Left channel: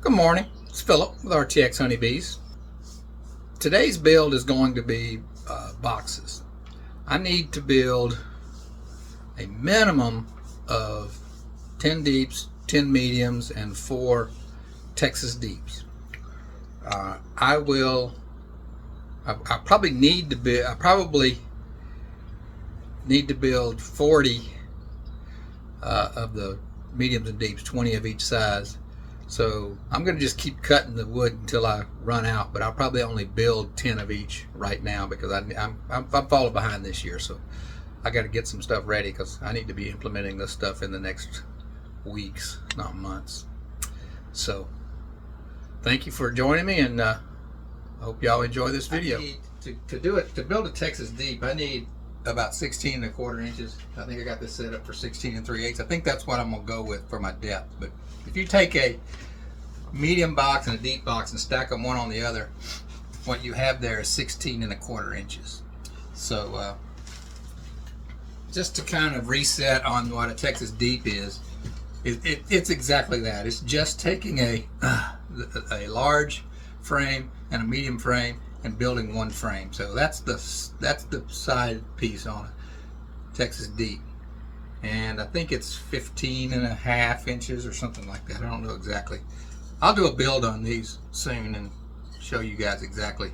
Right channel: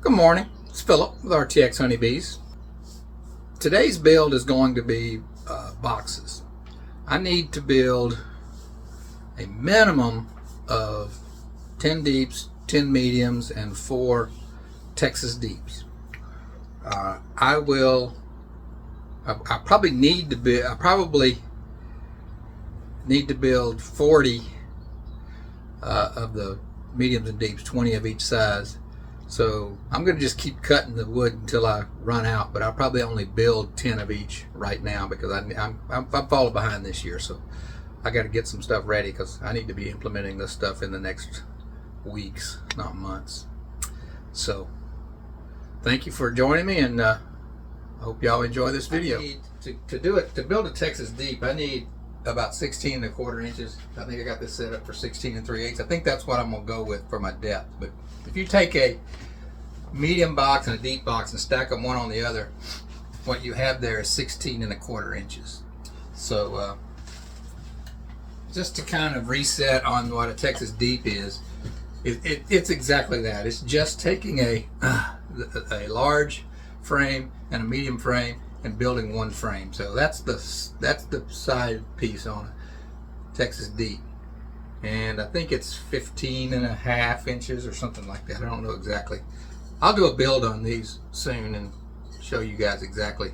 Good morning, it's Philip with RTX Honeybees. Today's build is going to be boxes. I need to build a minimum of 10 deeps, 10 mediums, and 4 Texas deeps. I probably need to build 40 of the mediums and deeps, 20 of each size. So I'm going to just keep cutting the wood until I run out, but I'll probably only build 10 of each right now because I'm falling behind this year. So I got to get some stuff ready because I need to be implementing this stuff in the next weeks, not months. So thank you for joining me, and I hope y'all enjoy this video. To build a Texas deep, I need about 16 1/4 inches. I think I got this set up for 16 3/8. I think that's what I'm gonna go with for my depth. But if you take a medium box and a deep box and stack them one on the other, what you have there is 16 1/4 inches. So just to kind of reset on what a Texas deep is, it's exactly that. It's just taking a large frame and a medium frame and building one frame. So that's the side piece on a Texas deep, and I think it's 15 1/2 inches or something like that. I don't know exactly. I'll do a build on these soon and show you guys exactly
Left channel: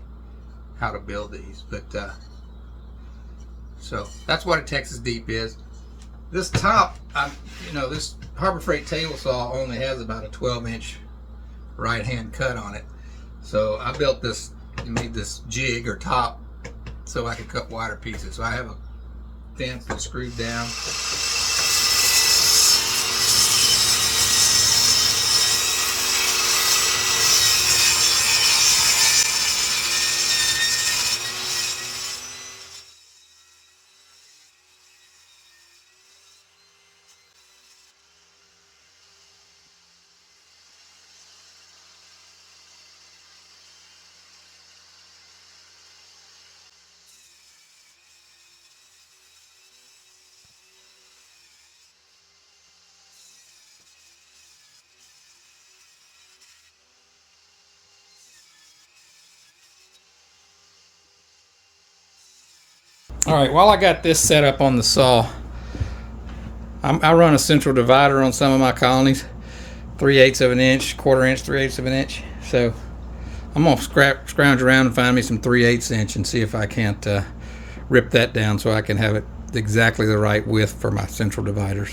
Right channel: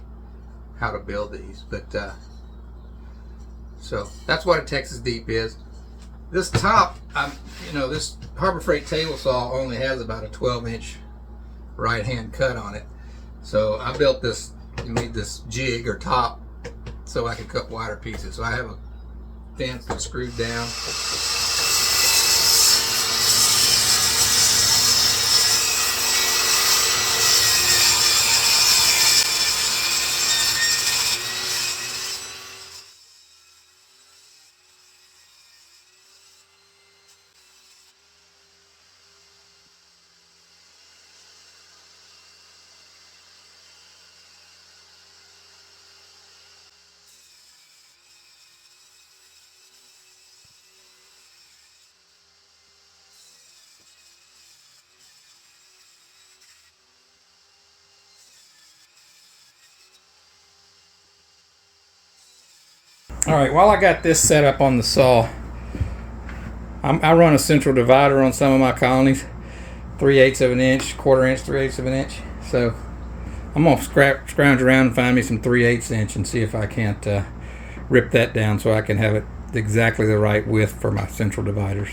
how to build these. But so that's what a Texas deep is. This top, this Harbor Freight table saw only has about a 12-inch right hand cut on it. So I built this. You need this jig or top so I can cut wider pieces. So I have a fence that's screwed down. All right, while I got this set up on the saw, I run a central divider on some of my colonies, 3/8 of an inch, 1/4 inch, 3/8 of an inch. So I'm gonna scrounge around and find me some 3/8 inch and see if I can't rip that down so I can have it exactly the right width for my central dividers.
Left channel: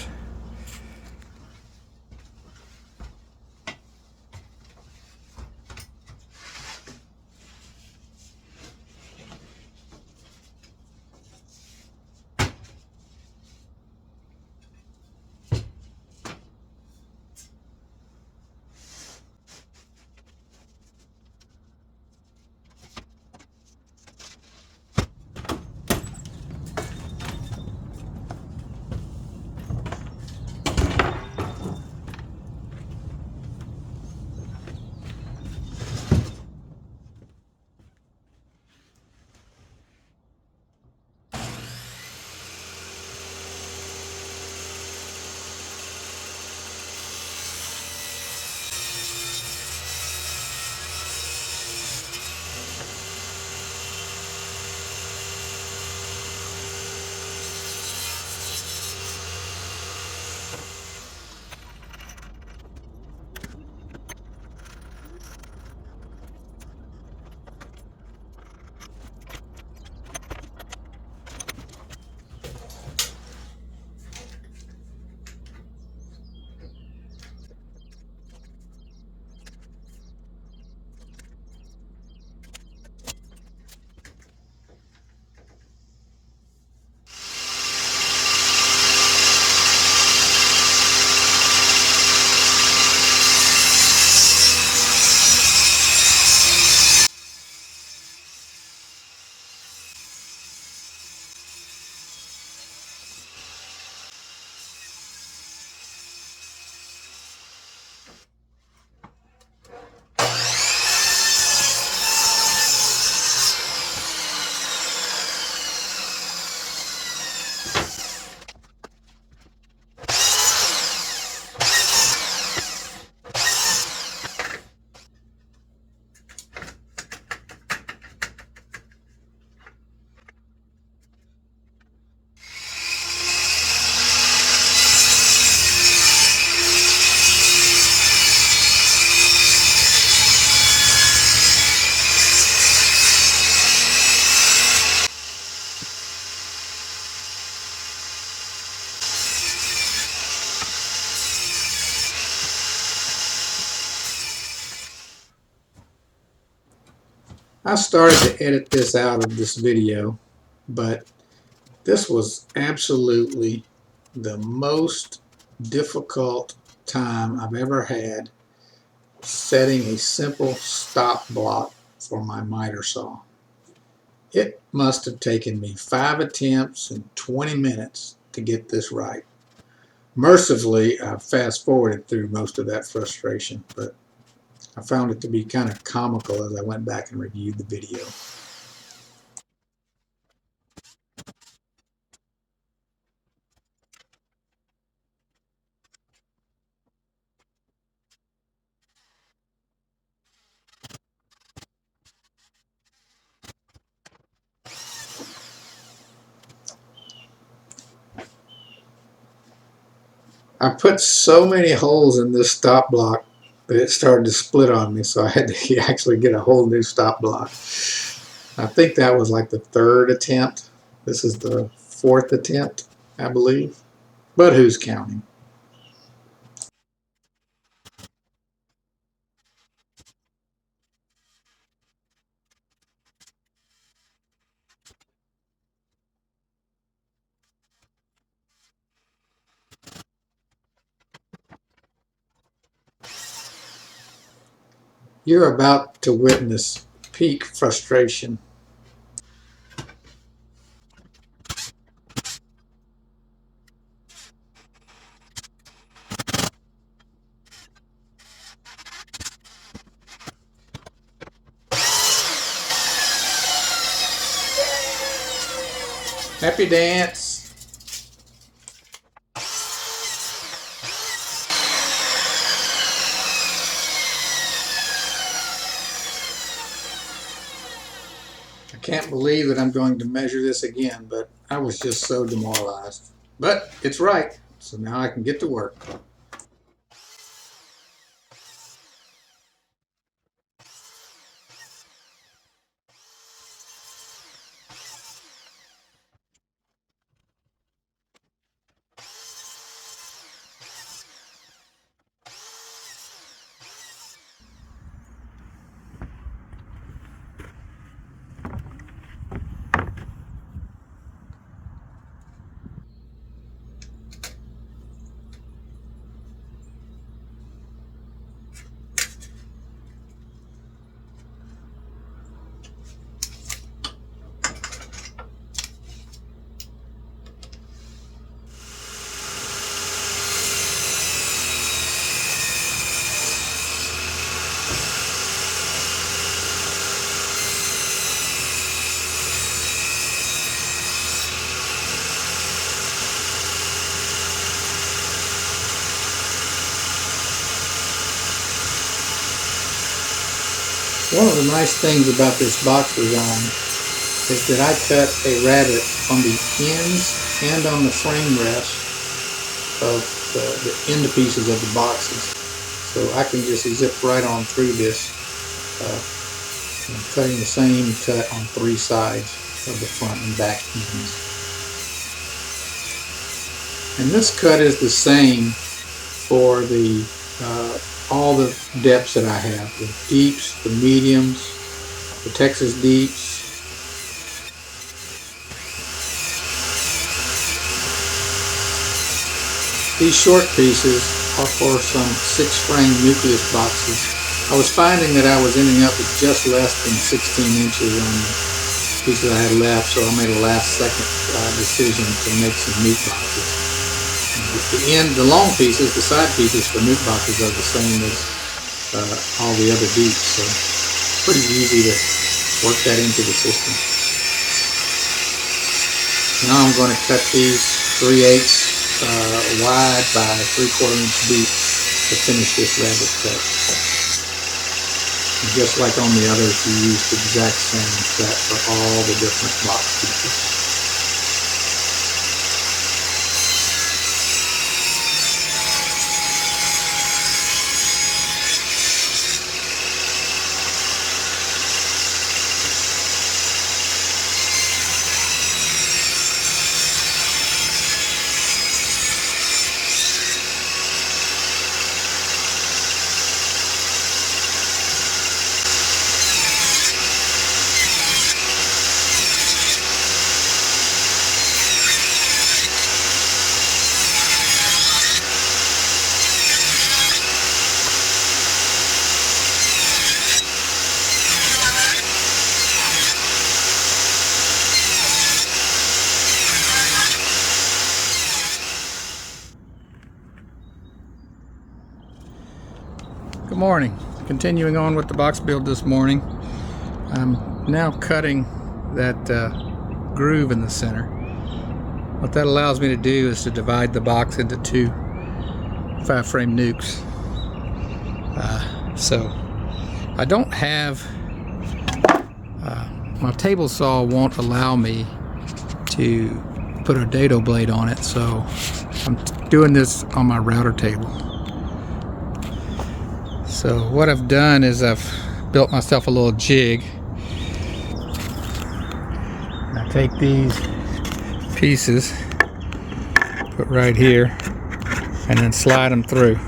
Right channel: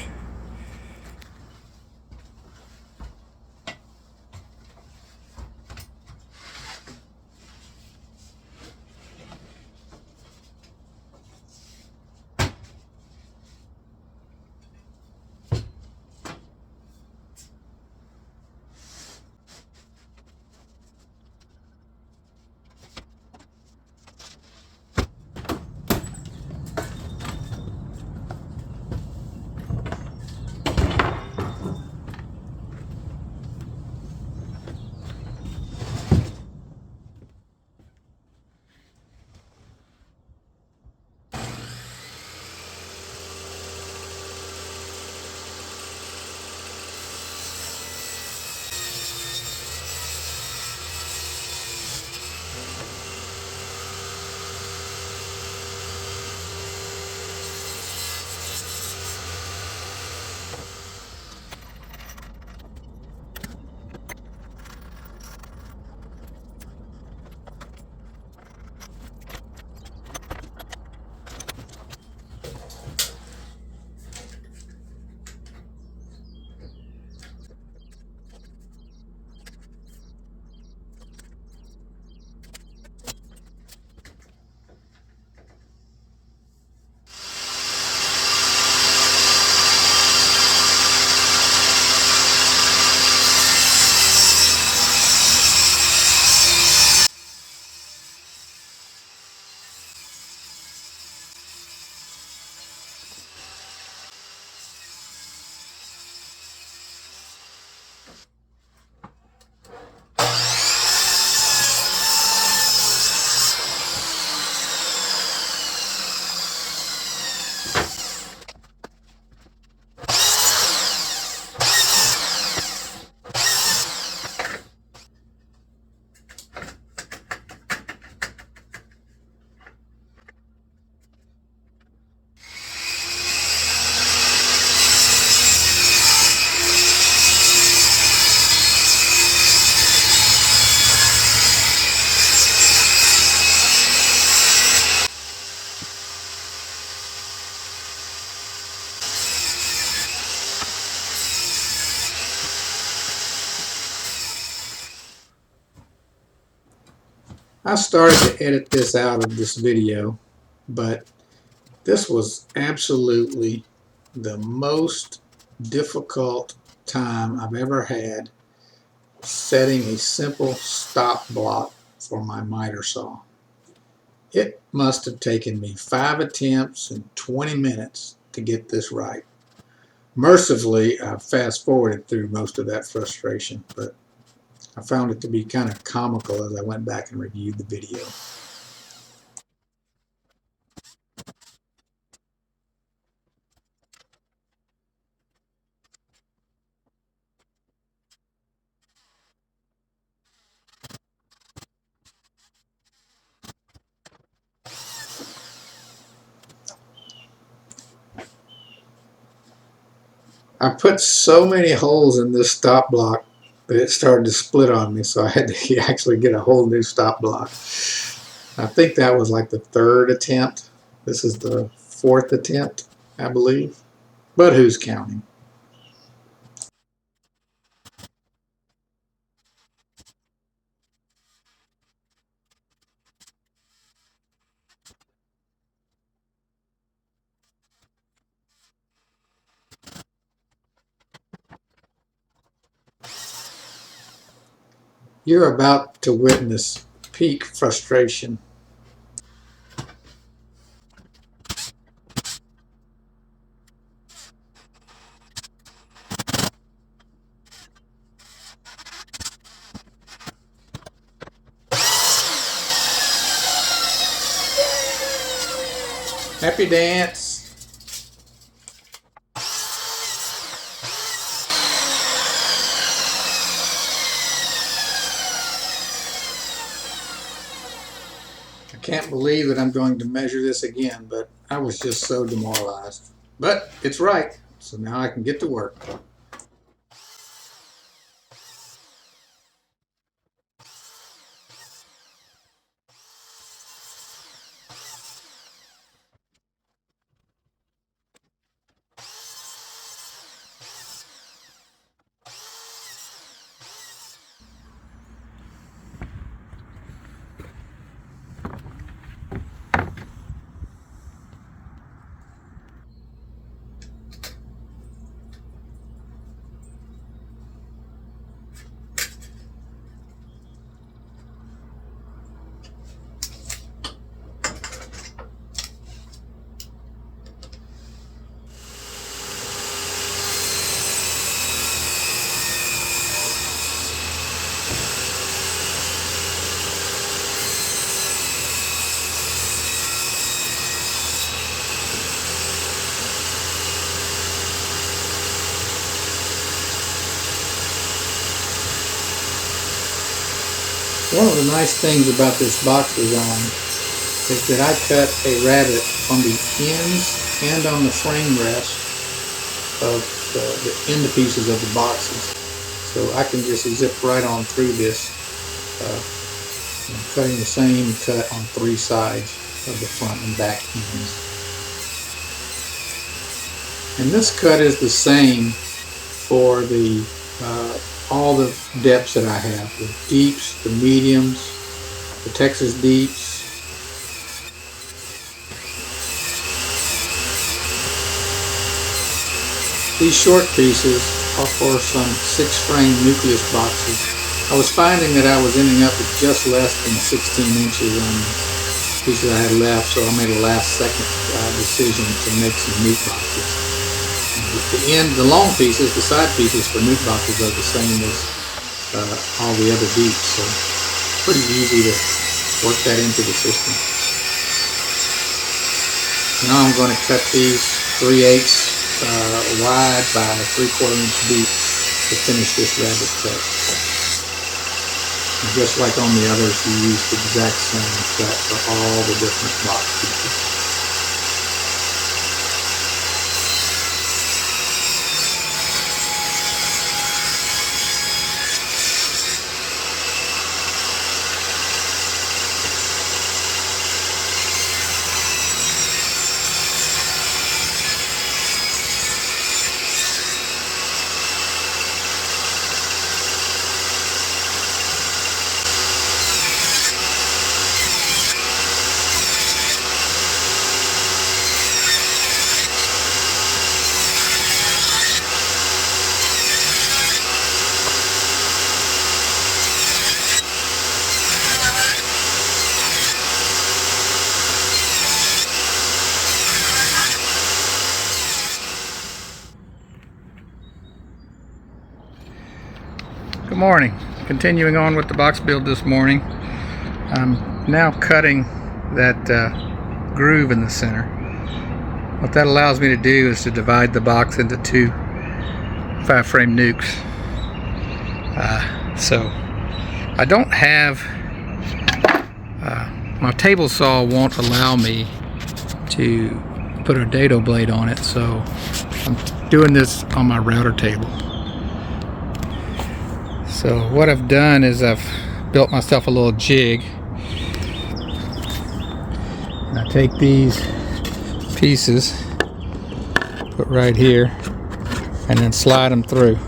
I started to edit this out of this video, but this was absolutely the most difficult time I've ever had setting a simple stop block for my miter saw. It must have taken me 5 attempts and 20 minutes to get this right. Mercifully, I fast forwarded through most of that frustration, but I found it to be kind of comical as I went back and reviewed the video. I put so many holes in this stop block that it started to split on me, so I had to actually get a whole new stop block. I think that was like the 3rd attempt. This is the 4th attempt, I believe. But who's counting? You're about to witness peak frustration. Happy dance. I can't believe that I'm going to measure this again, but I was just so demoralized. But it's right, so now I can get to work. One of the nice things about this box design is that I cut a rabbet on the ends and on the frame rest of the end pieces of the boxes. So I can just zip right on through this, cutting the same cut on 3 sides of the front and back ends. And this cut is the same for the all the depths that I have, the deeps, the mediums, the Texas deeps. These short pieces are for some 6-frame nucleus boxes. I was finding that I was ending up with just less than 16 inches on the pieces I had left, so I made a last-second decision to make some nuke boxes. The long pieces, the side pieces for nuke boxes are the same as all the other deeps, so pretty easy to work that into the system. Now I'm going to cut these 3/8 wide by 3/4 inch deep to finish this rabbet cut. And just like on the others, we used the exact same cut for all the different box pieces. morning. Continuing on with the box build this morning. I'm now cutting that groove in the center. What that allows me to do is to divide the box into two 5-frame nukes. So I don't have my table saw won't allow me to put a dado blade on it, so I'm doing this on my router table. So what I've done is I've built myself a little jig. I take these pieces, put right here, and then slide them through.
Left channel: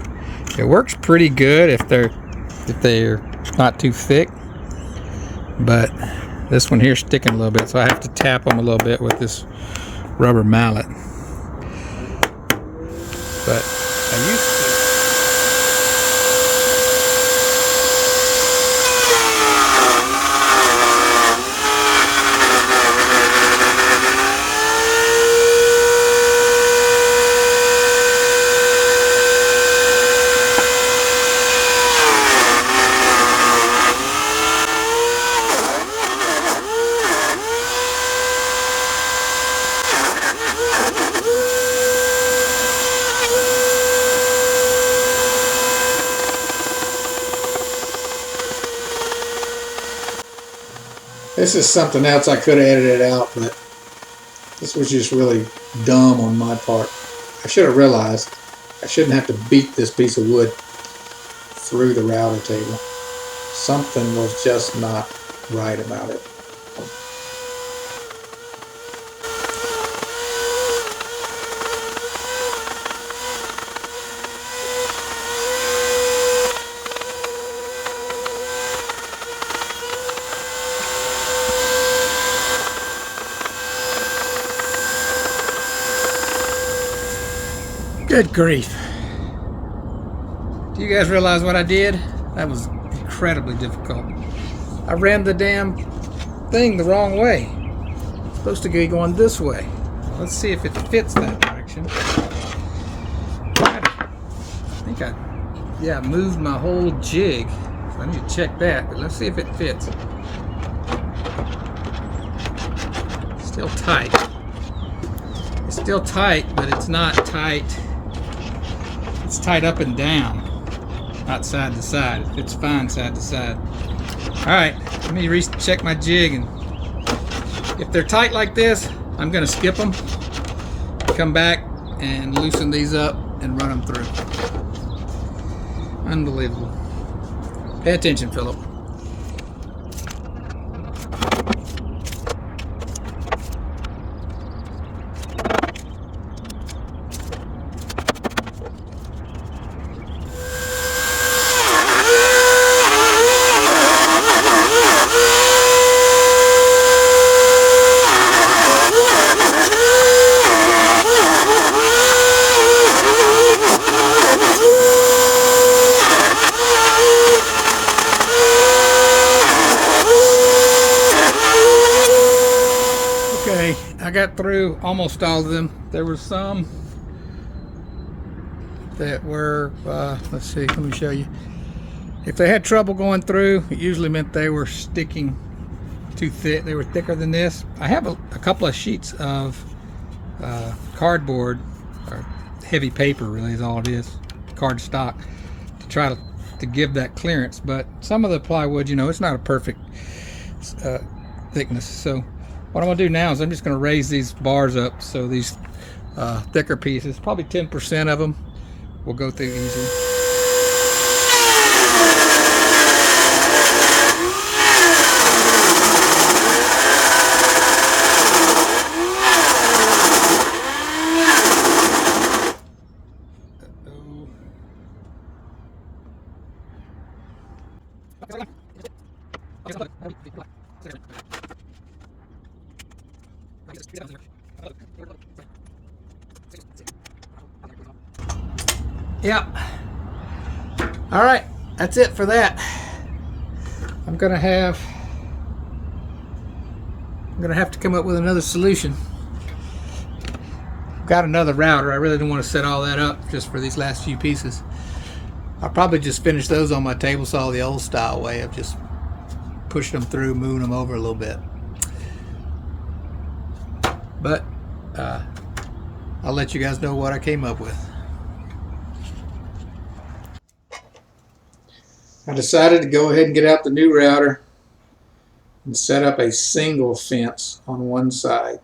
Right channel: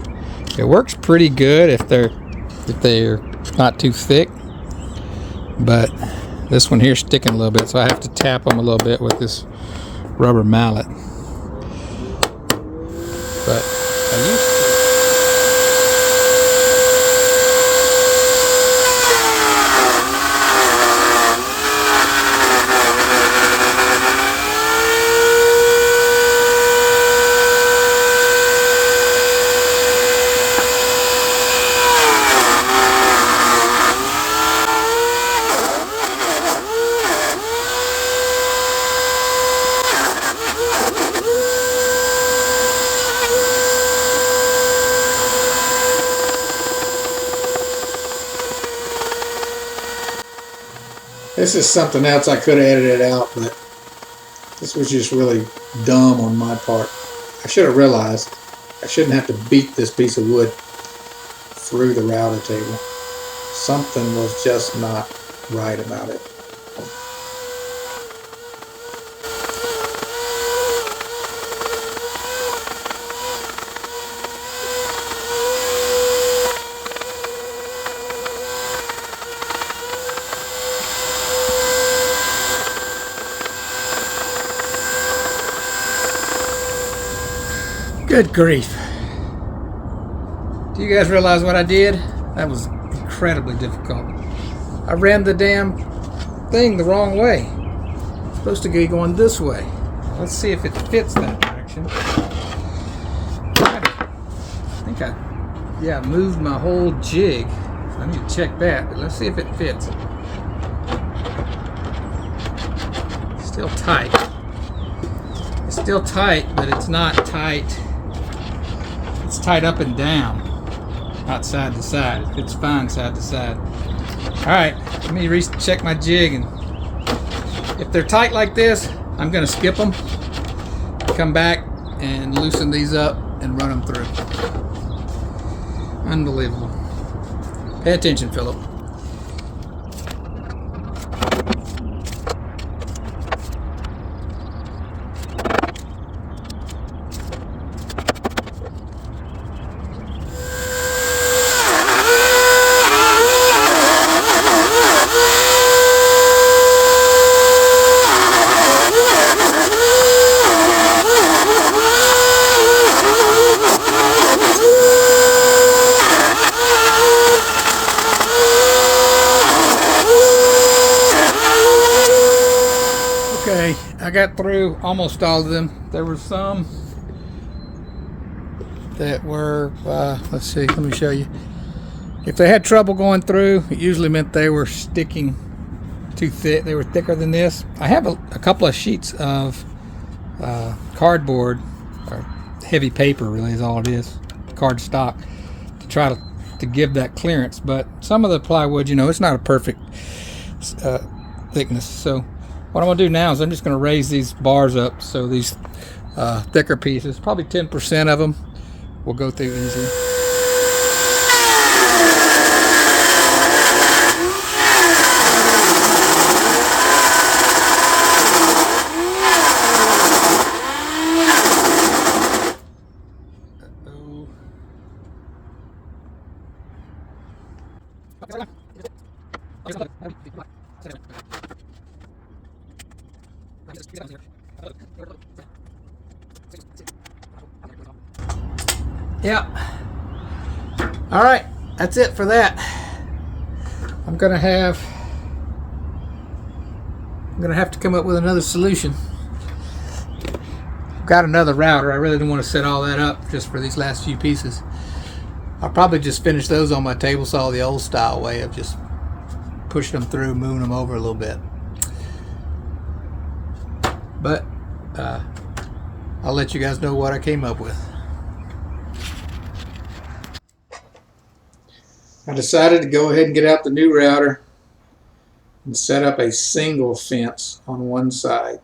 It works pretty good if they're not too thick, but this one here is sticking a little bit, so I have to tap them a little bit with this rubber mallet. But I used to. This is something else I could have edited out, but this was just really dumb on my part. I should have realized I shouldn't have to beat this piece of wood through the router table. Something was just not right about it. Good grief. Do you guys realize what I did? That was incredibly difficult. I ran the damn thing the wrong way. It's supposed to be going this way. Let's see if it fits that direction. I think I moved my whole jig. I need to check that, but let's see if it fits. Still tight. It's still tight, but it's not tight. It's tight up and down, not side to side. It fits fine side to side. Alright, let me recheck my jig, and if they're tight like this, I'm going to skip them, come back and loosen these up and run them through. Unbelievable. Pay attention, Philip. Okay, I got through almost all of them. There were some that were, let's see, let me show you. If they had trouble going through, it usually meant they were sticking too thick. They were thicker than this. I have a couple of sheets of cardboard, or heavy paper really is all it is, card stock, to try to give that clearance. But some of the plywood, you know, it's not a perfect thickness. So what I'm going to do now is I'm just going to raise these bars up so these thicker pieces, probably 10% of them, will go through easily. Yeah. All right, that's it for that. I'm gonna have to come up with another solution. Got another router. I really didn't want to set all that up just for these last few pieces. I'll probably just finish those on my table saw the old style way of just pushing them through, moving them over a little bit. But I'll let you guys know what I came up with. I decided to go ahead and get out the new router and set up a single fence on one side.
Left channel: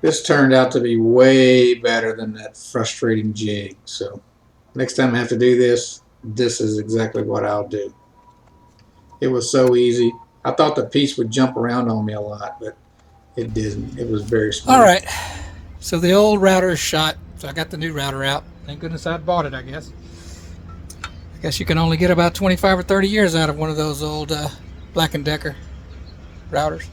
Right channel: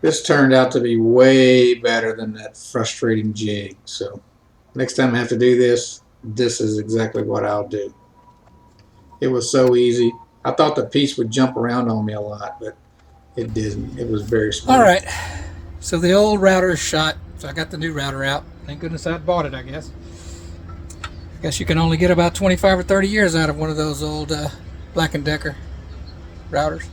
This turned out to be way better than that frustrating jig. So next time I have to do this, this is exactly what I'll do. It was so easy. I thought the piece would jump around on me a lot, but it didn't. It was very smooth. All right, so the old router is shot, so I got the new router out. Thank goodness I bought it, I guess. I guess you can only get about 25 or 30 years out of one of those old Black & Decker routers.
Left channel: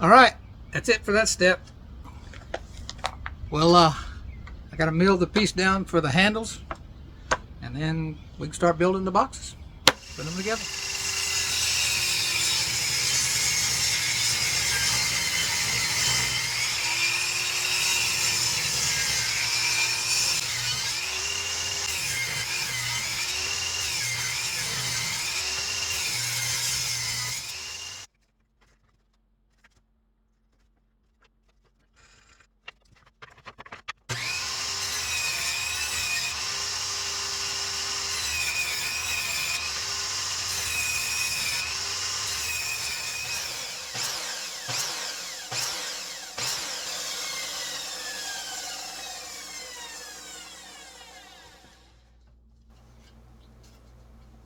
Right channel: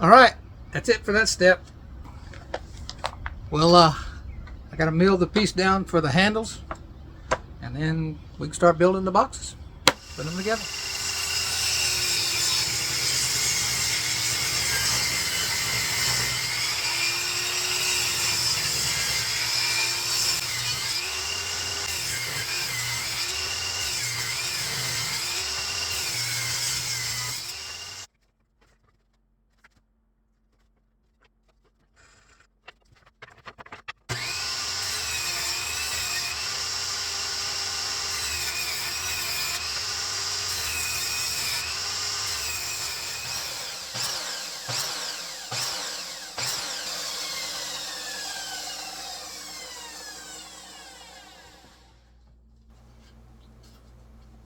All right, that's it for that step. Well, I got to mill the piece down for the handles, and then we can start building the boxes, put them together.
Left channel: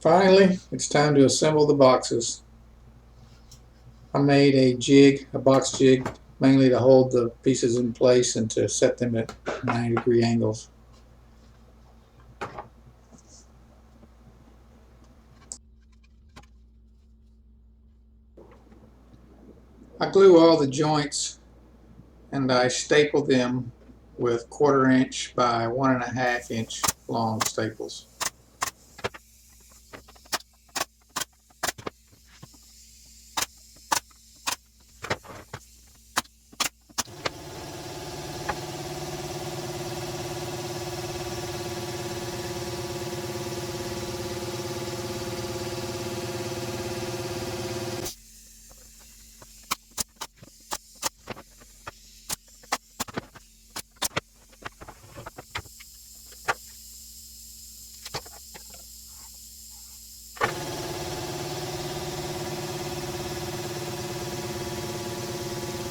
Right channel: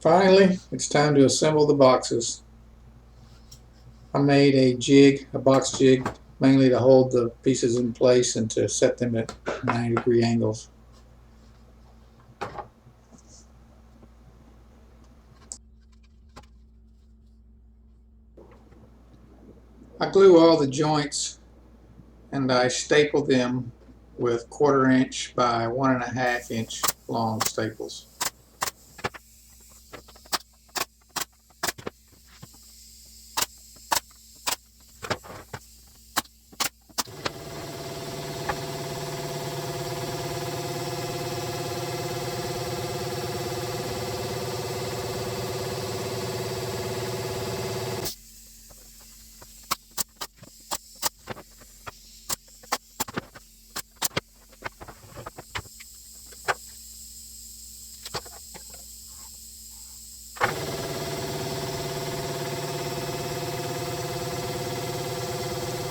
Finally, it's time to assemble the boxes. I made a jig, a box jig, mainly to hold the pieces in place and to set them at 90-degree angles. I glue all the joints and I staple them with 1/4 inch by 1.5 inch long staples.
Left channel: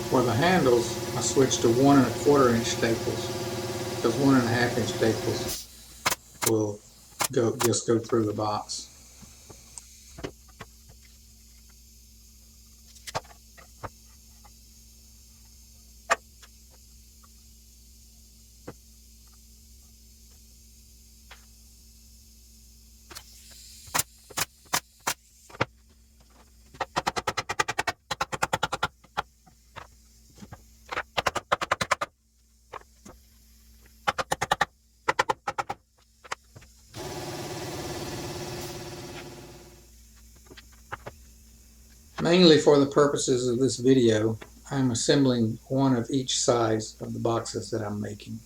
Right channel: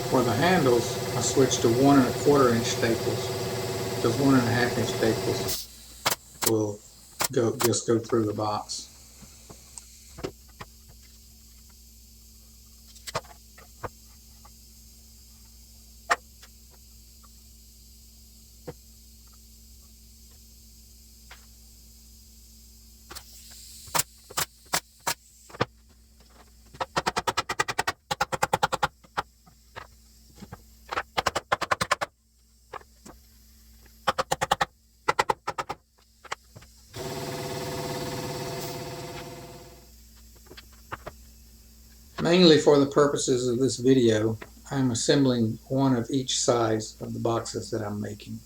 For the handles, I switched to 1 1/4 inch staples because 1.5 inch staples will just go through the box. Mainly for the purposes of this video, I'm assembling one of each size of the boxes that I'm making.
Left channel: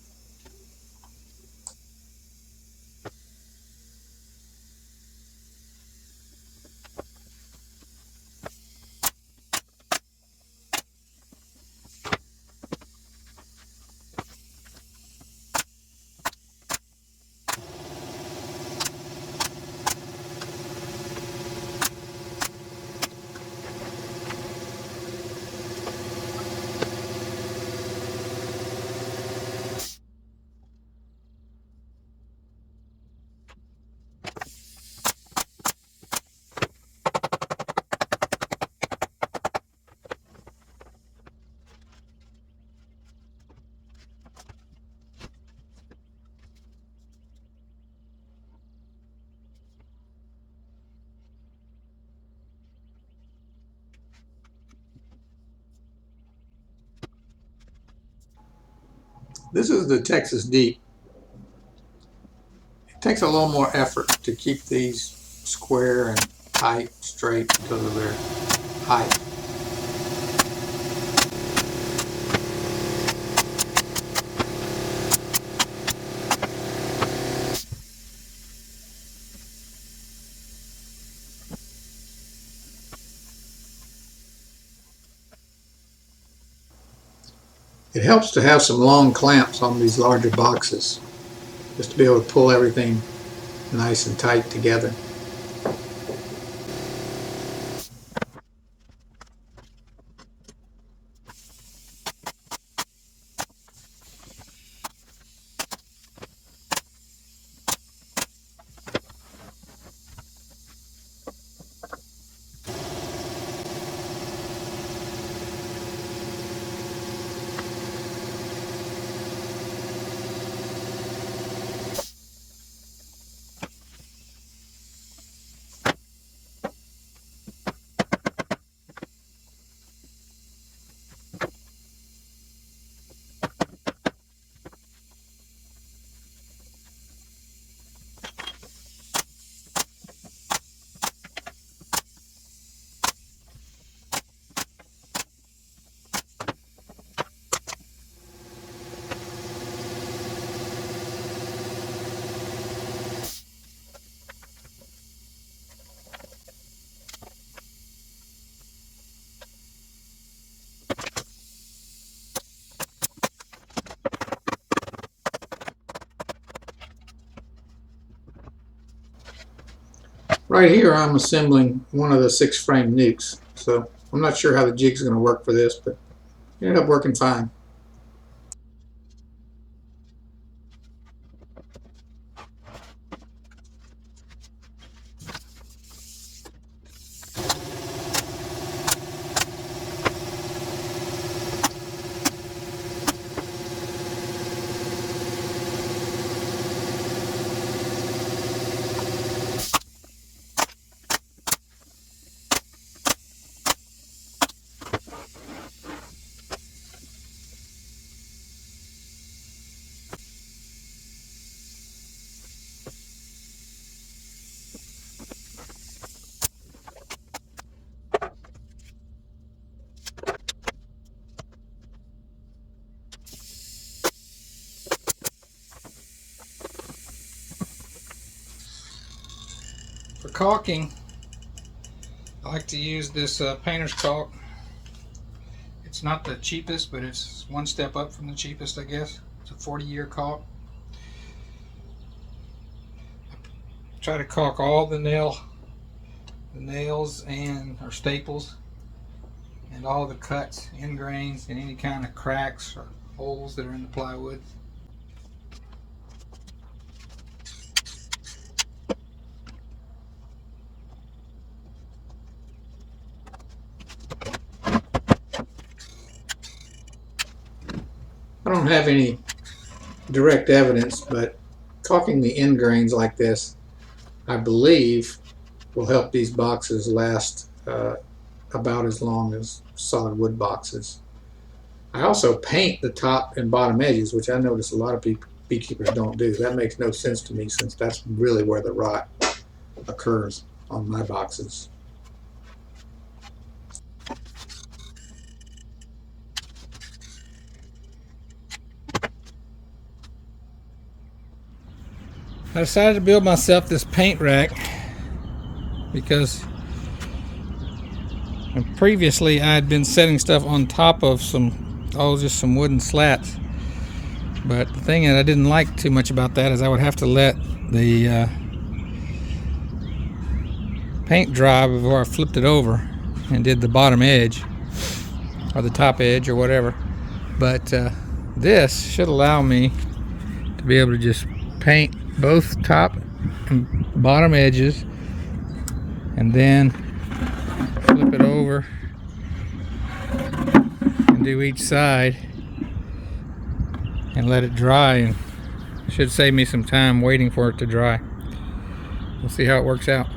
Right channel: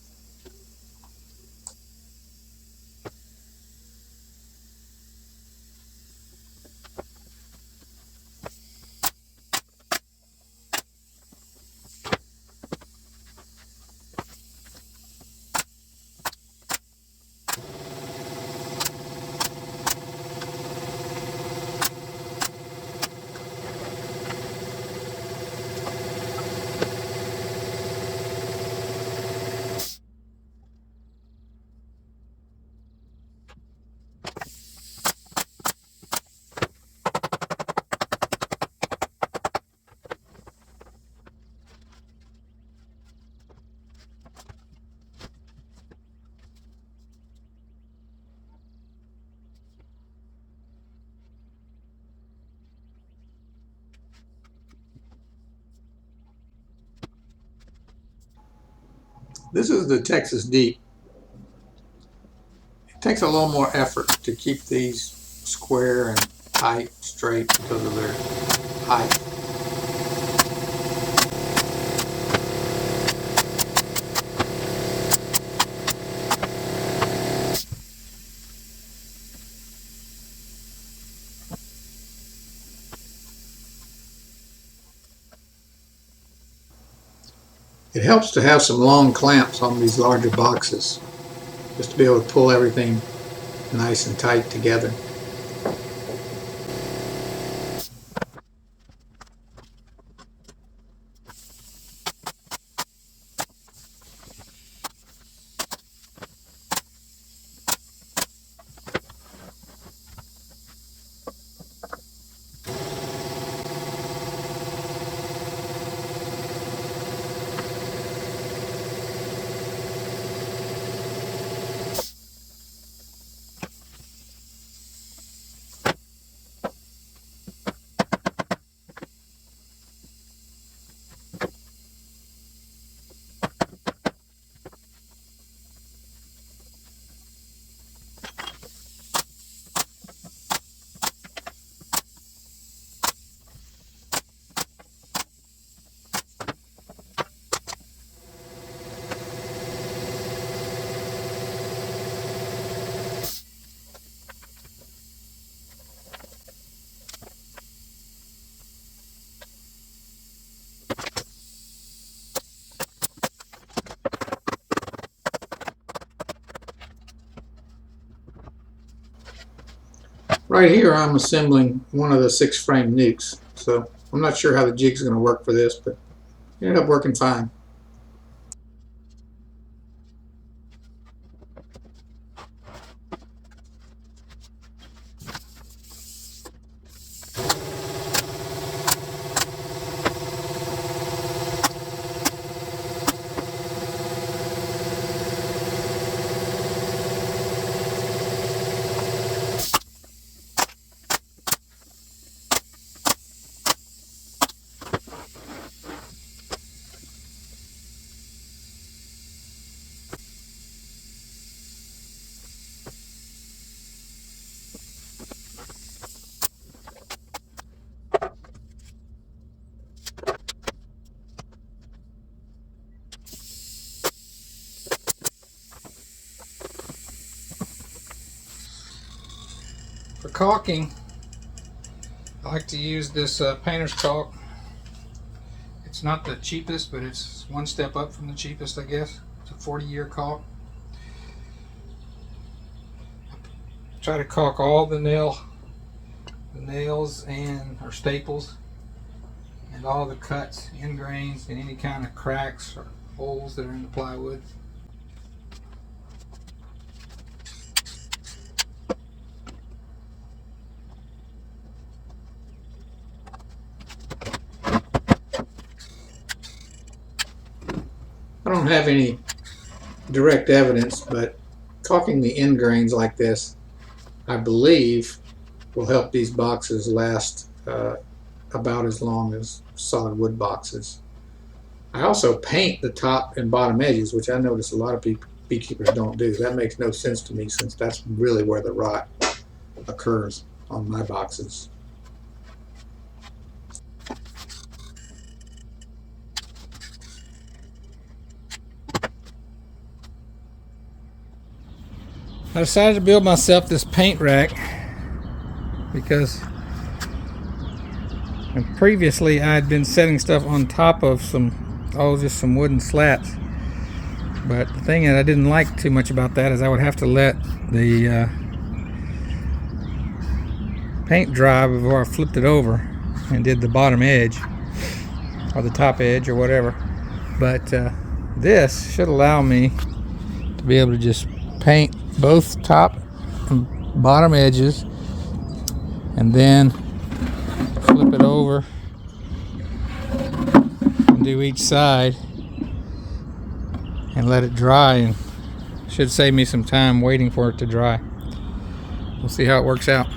This is the Texas Deep. It takes a little more effort to keep these square and tight, straight because of their height. It helps to have some long clamps on these larger boxes, just to be able to pull everything nice and tight together. Right here I'm assembling one of the 6 frame nukes, so I'm not sure how the jig's going to work for this, but it ended up working fine. For caulking, I like to use this painter's caulk. It's not the cheapest, but it's one step up from the cheapest, I guess. It's a 40-year caulk. Try to caulk all the nails and or staples, and all the cuts, end grains, and any kind of cracks or holes that are in the plywood. I don't have any direct evidence, but caulking the end grains like this, I believe, will help these boxes last about as long as solid wood boxes. I also paint the top and bottom edges, which I notice a lot of beekeepers don't do. That makes no sense to me, since that's really where the rot occurs on my boxes. I decided to build myself this paint rack because previously I had been setting stuff on top of just some wooden slats. But the thing that I didn't like too much about that is I would have to let the paint dry before I flipped it over and did the bottom edge or the top edge or whatever. But this should allow me to be able to just paint both top and bottom edges and then flip it over and do each side and let it dry, and should save me some time waiting for it to dry. We'll see how it works out.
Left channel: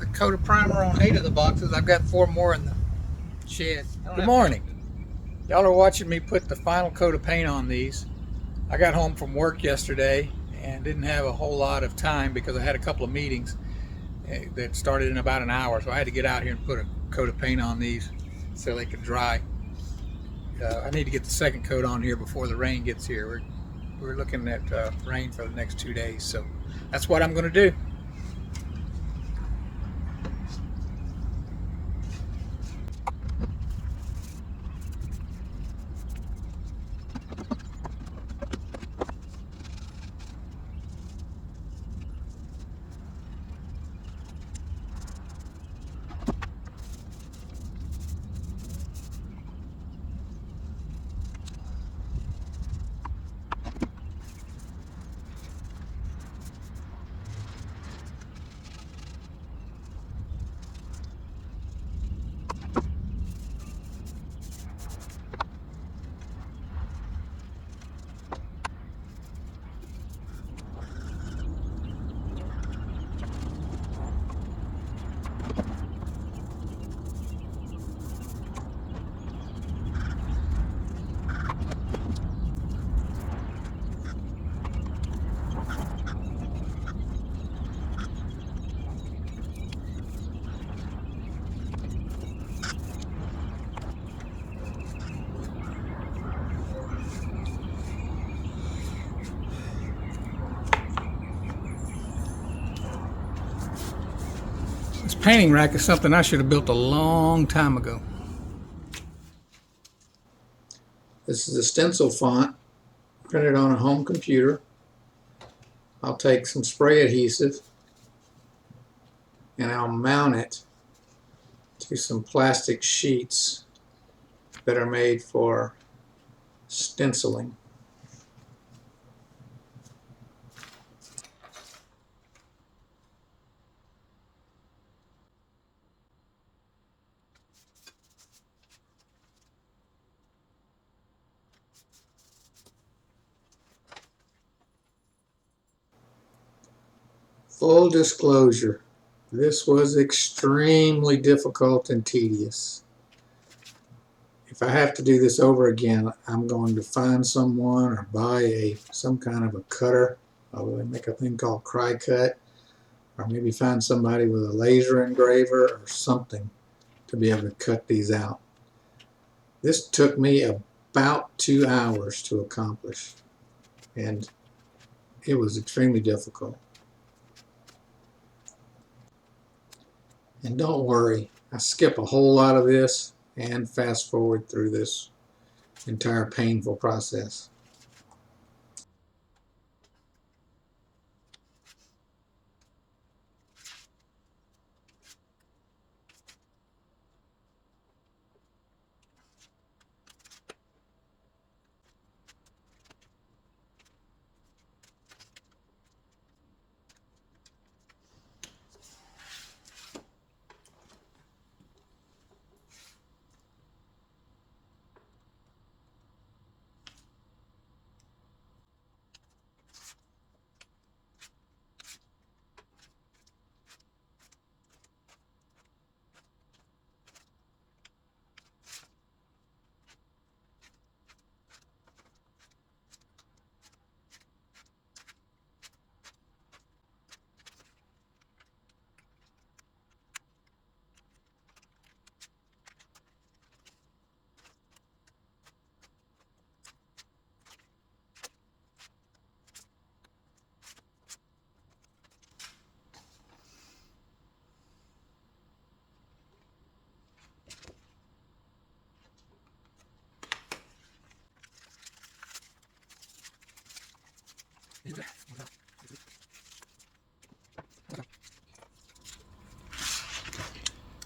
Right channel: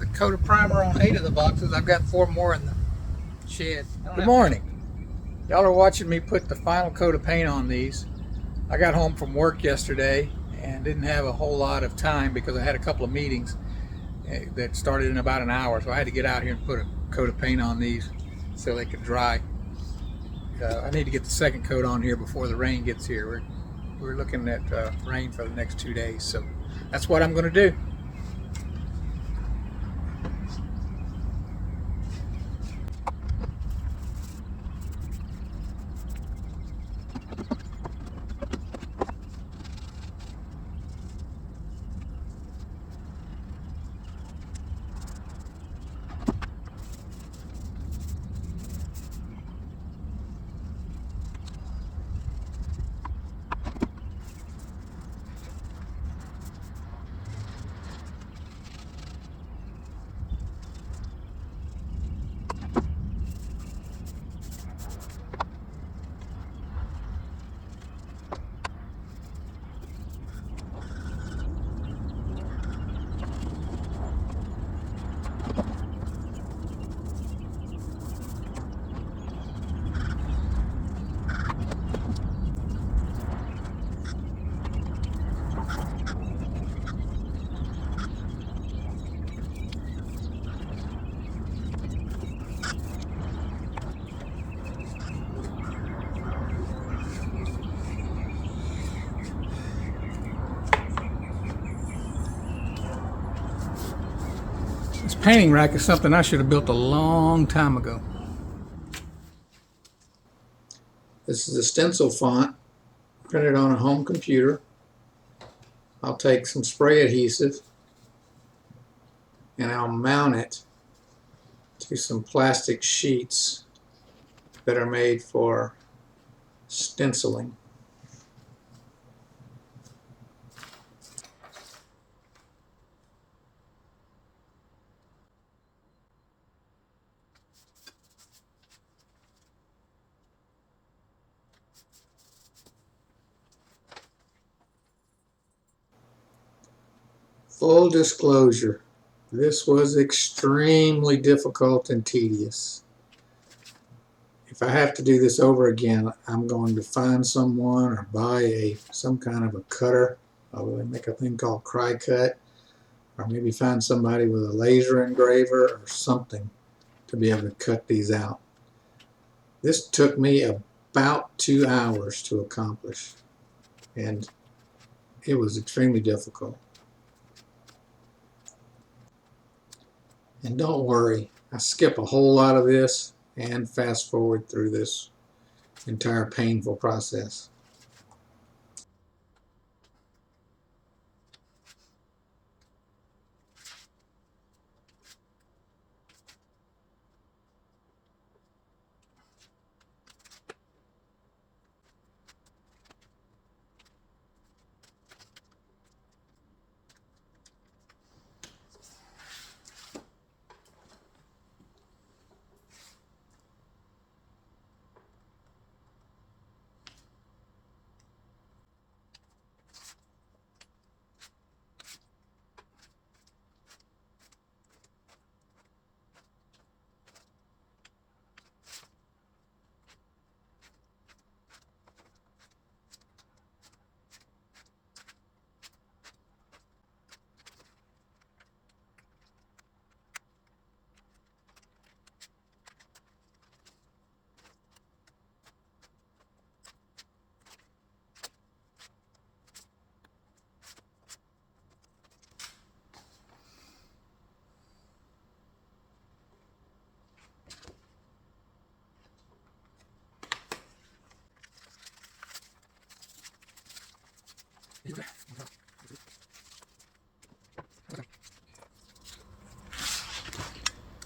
a coat of primer on 8 of the boxes. I've got 4 more in the shed. Good morning. Y'all are watching me put the final coat of paint on these. I got home from work yesterday and didn't have a whole lot of time because I had a couple of meetings that started in about an hour, so I had to get out here and put a coat of paint on these so they could dry. I need to get the second coat on here before the rain gets here. We're looking at rain for the next 2 days, so that's what I'm going to do. This painting rack is something I should have built a long time ago. This is a stencil font printed on a home computer. I'll take some spray adhesive and I'll mount it to some plastic sheets that are made for stenciling. Full disclosure, this was extremely difficult and tedious. If I have to do this over again, I'm going to find someone or buy some kind of a cutter. I'll make a thing called cry cut, or maybe find somebody with a laser engraver or something to be able to cut these out. This took me about 2 hours to accomplish, and it was extremely difficult. And don't worry, I skip a whole lot of this and fast forward through this entire painful process.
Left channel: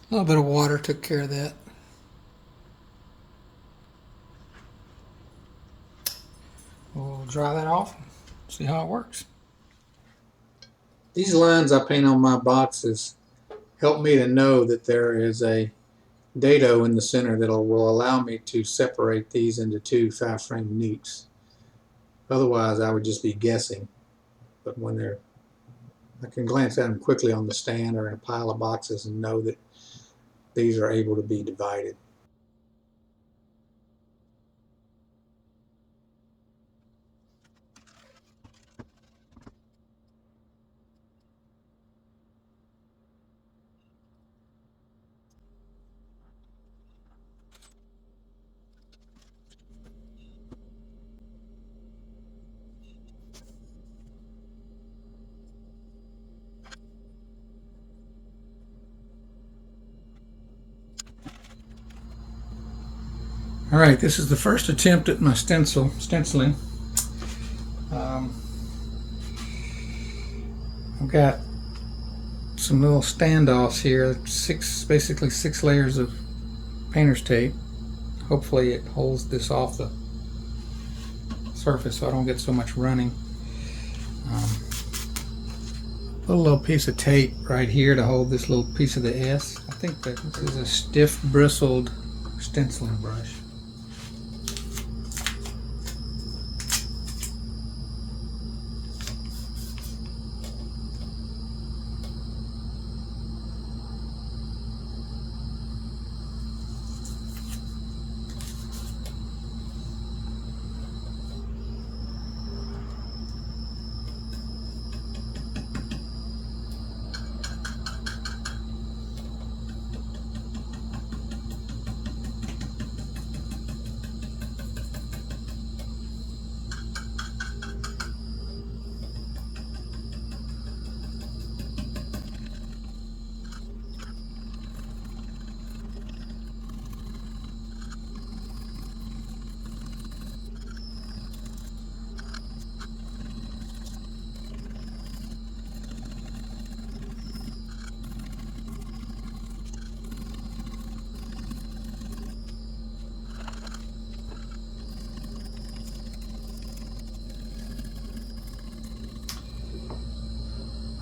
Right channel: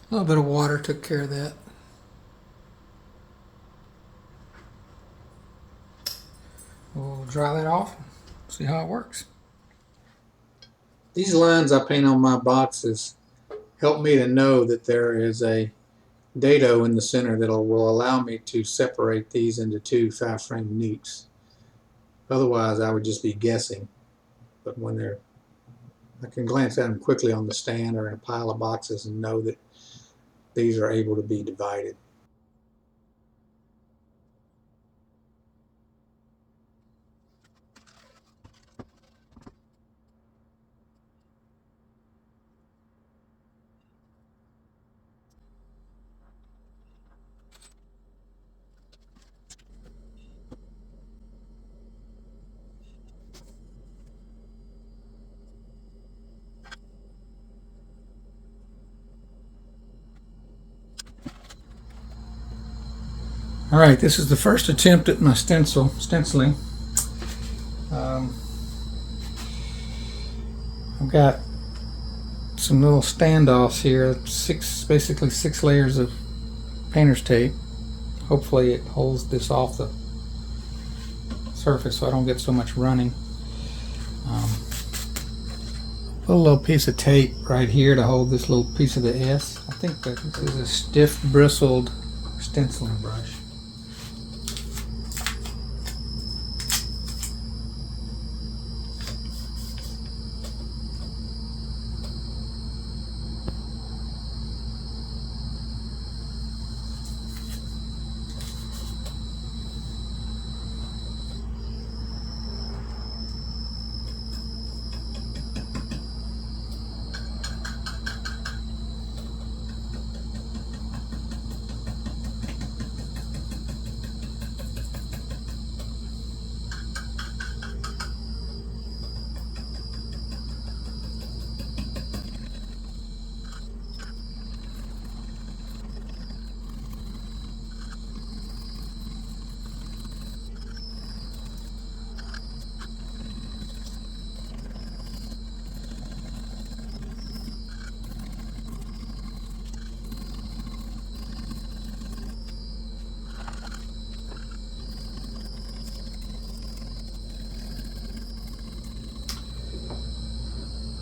A little bit of water took care of that. We'll dry that off, see how it works. These lines I paint on my boxes help me to know that there is a dado in the center that will allow me to separate these into 2 5-frame newts. Otherwise I would just be guessing. But when they're I can glance at them quickly on the stand or in a pile of boxes and know that these are able to be divided. All right, this is the first attempt at my stenciling. I've got some little standoffs here, basically six layers of painter's tape. Hopefully it holds this off the surface so I don't get so much running. Put a little piece of tape right here to hold this little piece of the S. I think that this is a stiff bristled stenciling brush.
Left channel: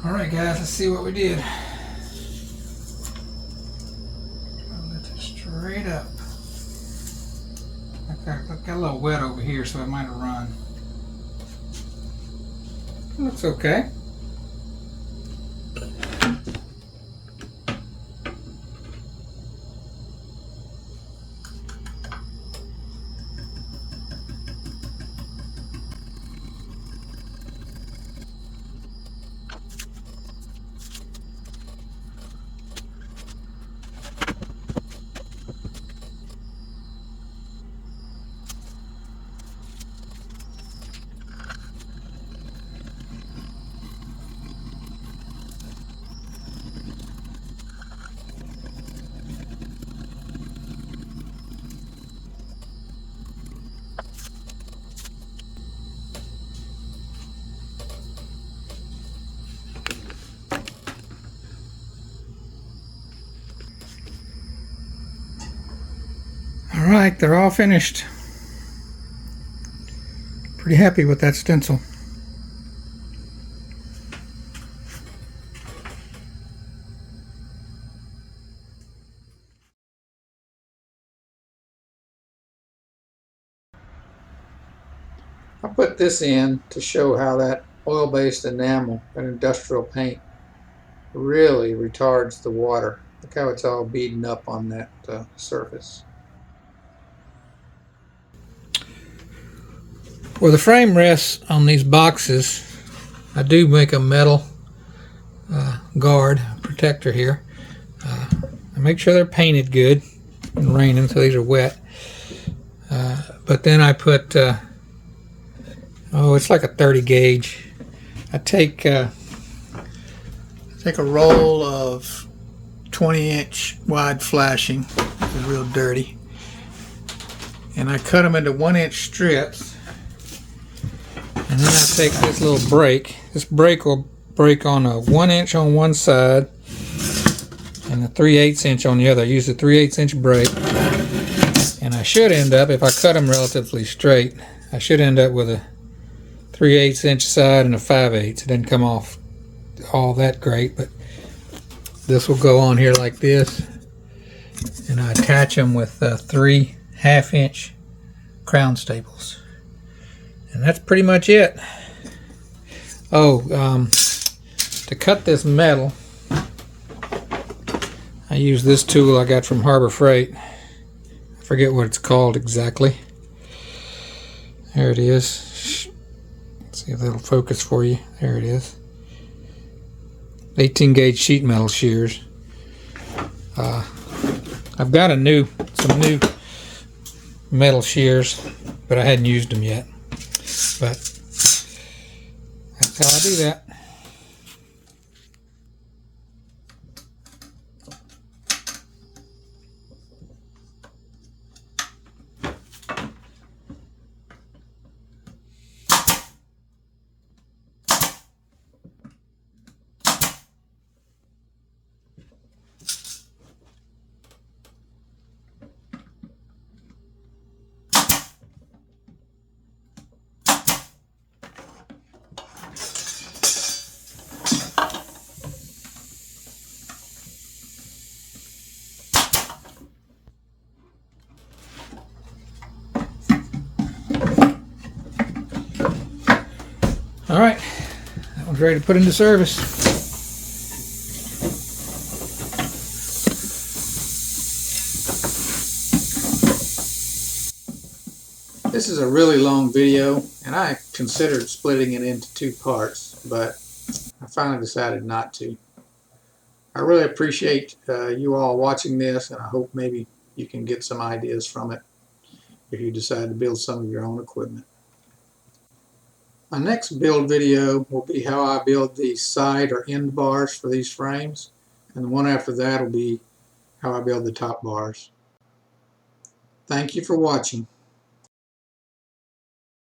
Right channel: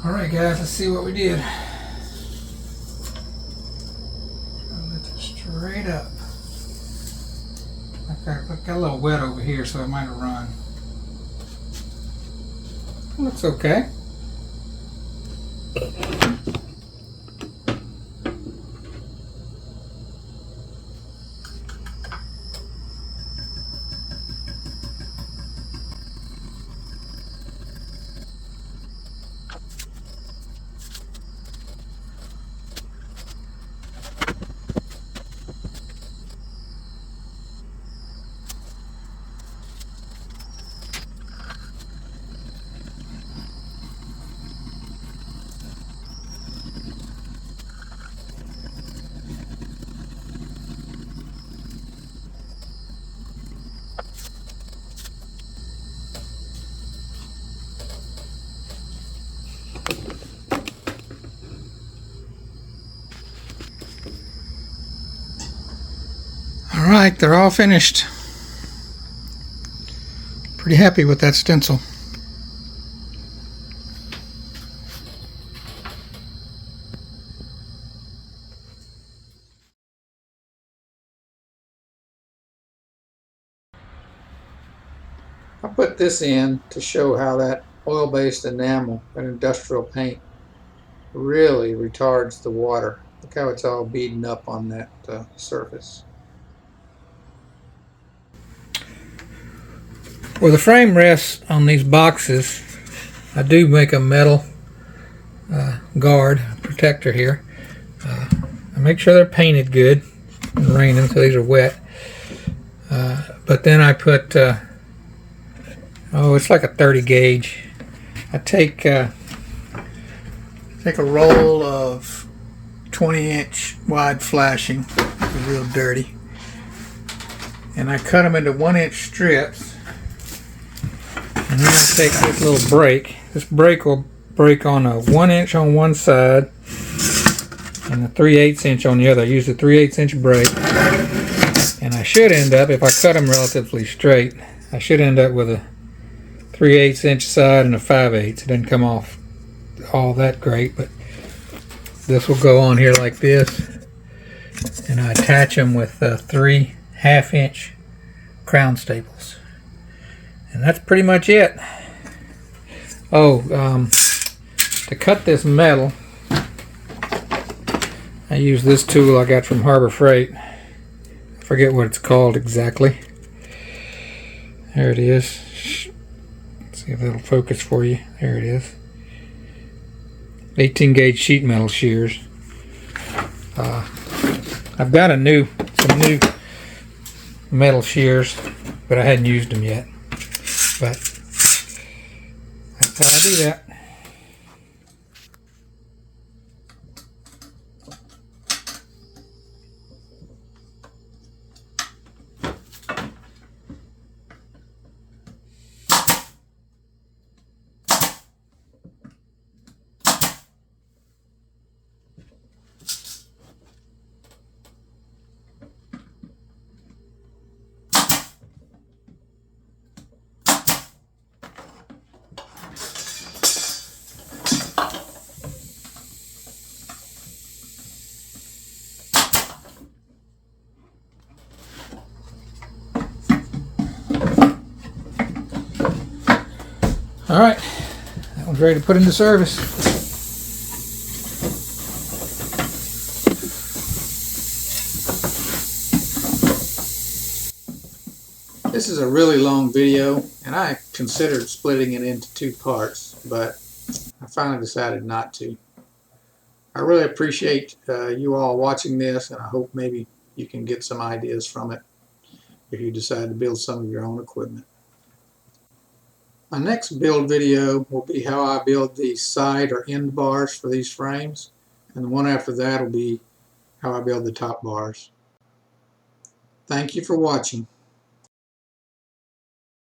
All right, guys, let's see what we did. Lift it straight up. I got a little wet over here, so it might have run. Looks okay. All right, they're all finished. Pretty happy with that stencil. I put this in to show how that oil-based enamel and industrial paint really retards the water. Look how it's all beading up on that surface. Where the frame rests on these boxes, I do make a metal guard protector here. I make sure they're painted good and raining, so these are wet. But then I put, it's like a 30 gauge. I take a roll of 20-inch wide flashing, it's real dirty, and I cut them into 1-inch strips. And then I take this little break. This break will break on a 1-inch on one side and a 3/8 inch on the other. I use the 3/8 inch break. And I should end up, if I cut them relatively straight, I should end up with a 3/8 inch side and a 5/8. It doesn't come off all that great, but this will go on here like this. And I attach them with 3 1/2-inch crown staples. And that's pretty much it. Oh, To cut this metal, I use this tool I got from Harbor Freight. I forget what it's called exactly. There it is. Let's see if that'll focus for you. There it is. 18 gauge sheet metal shears. I've got some new metal shears, but I hadn't used them yet. But that's how I do that. All right, that one's ready to put into service. This is a really long video, and I considered splitting it into 2 parts, but I finally decided not to. I really appreciate you all watching this, and I hope maybe you can get some ideas from it if you decide to build some of your own equipment. My next build video will be how I build the side or end bars for these frames, and the one after that will be how I build the top bars. Thank you for watching.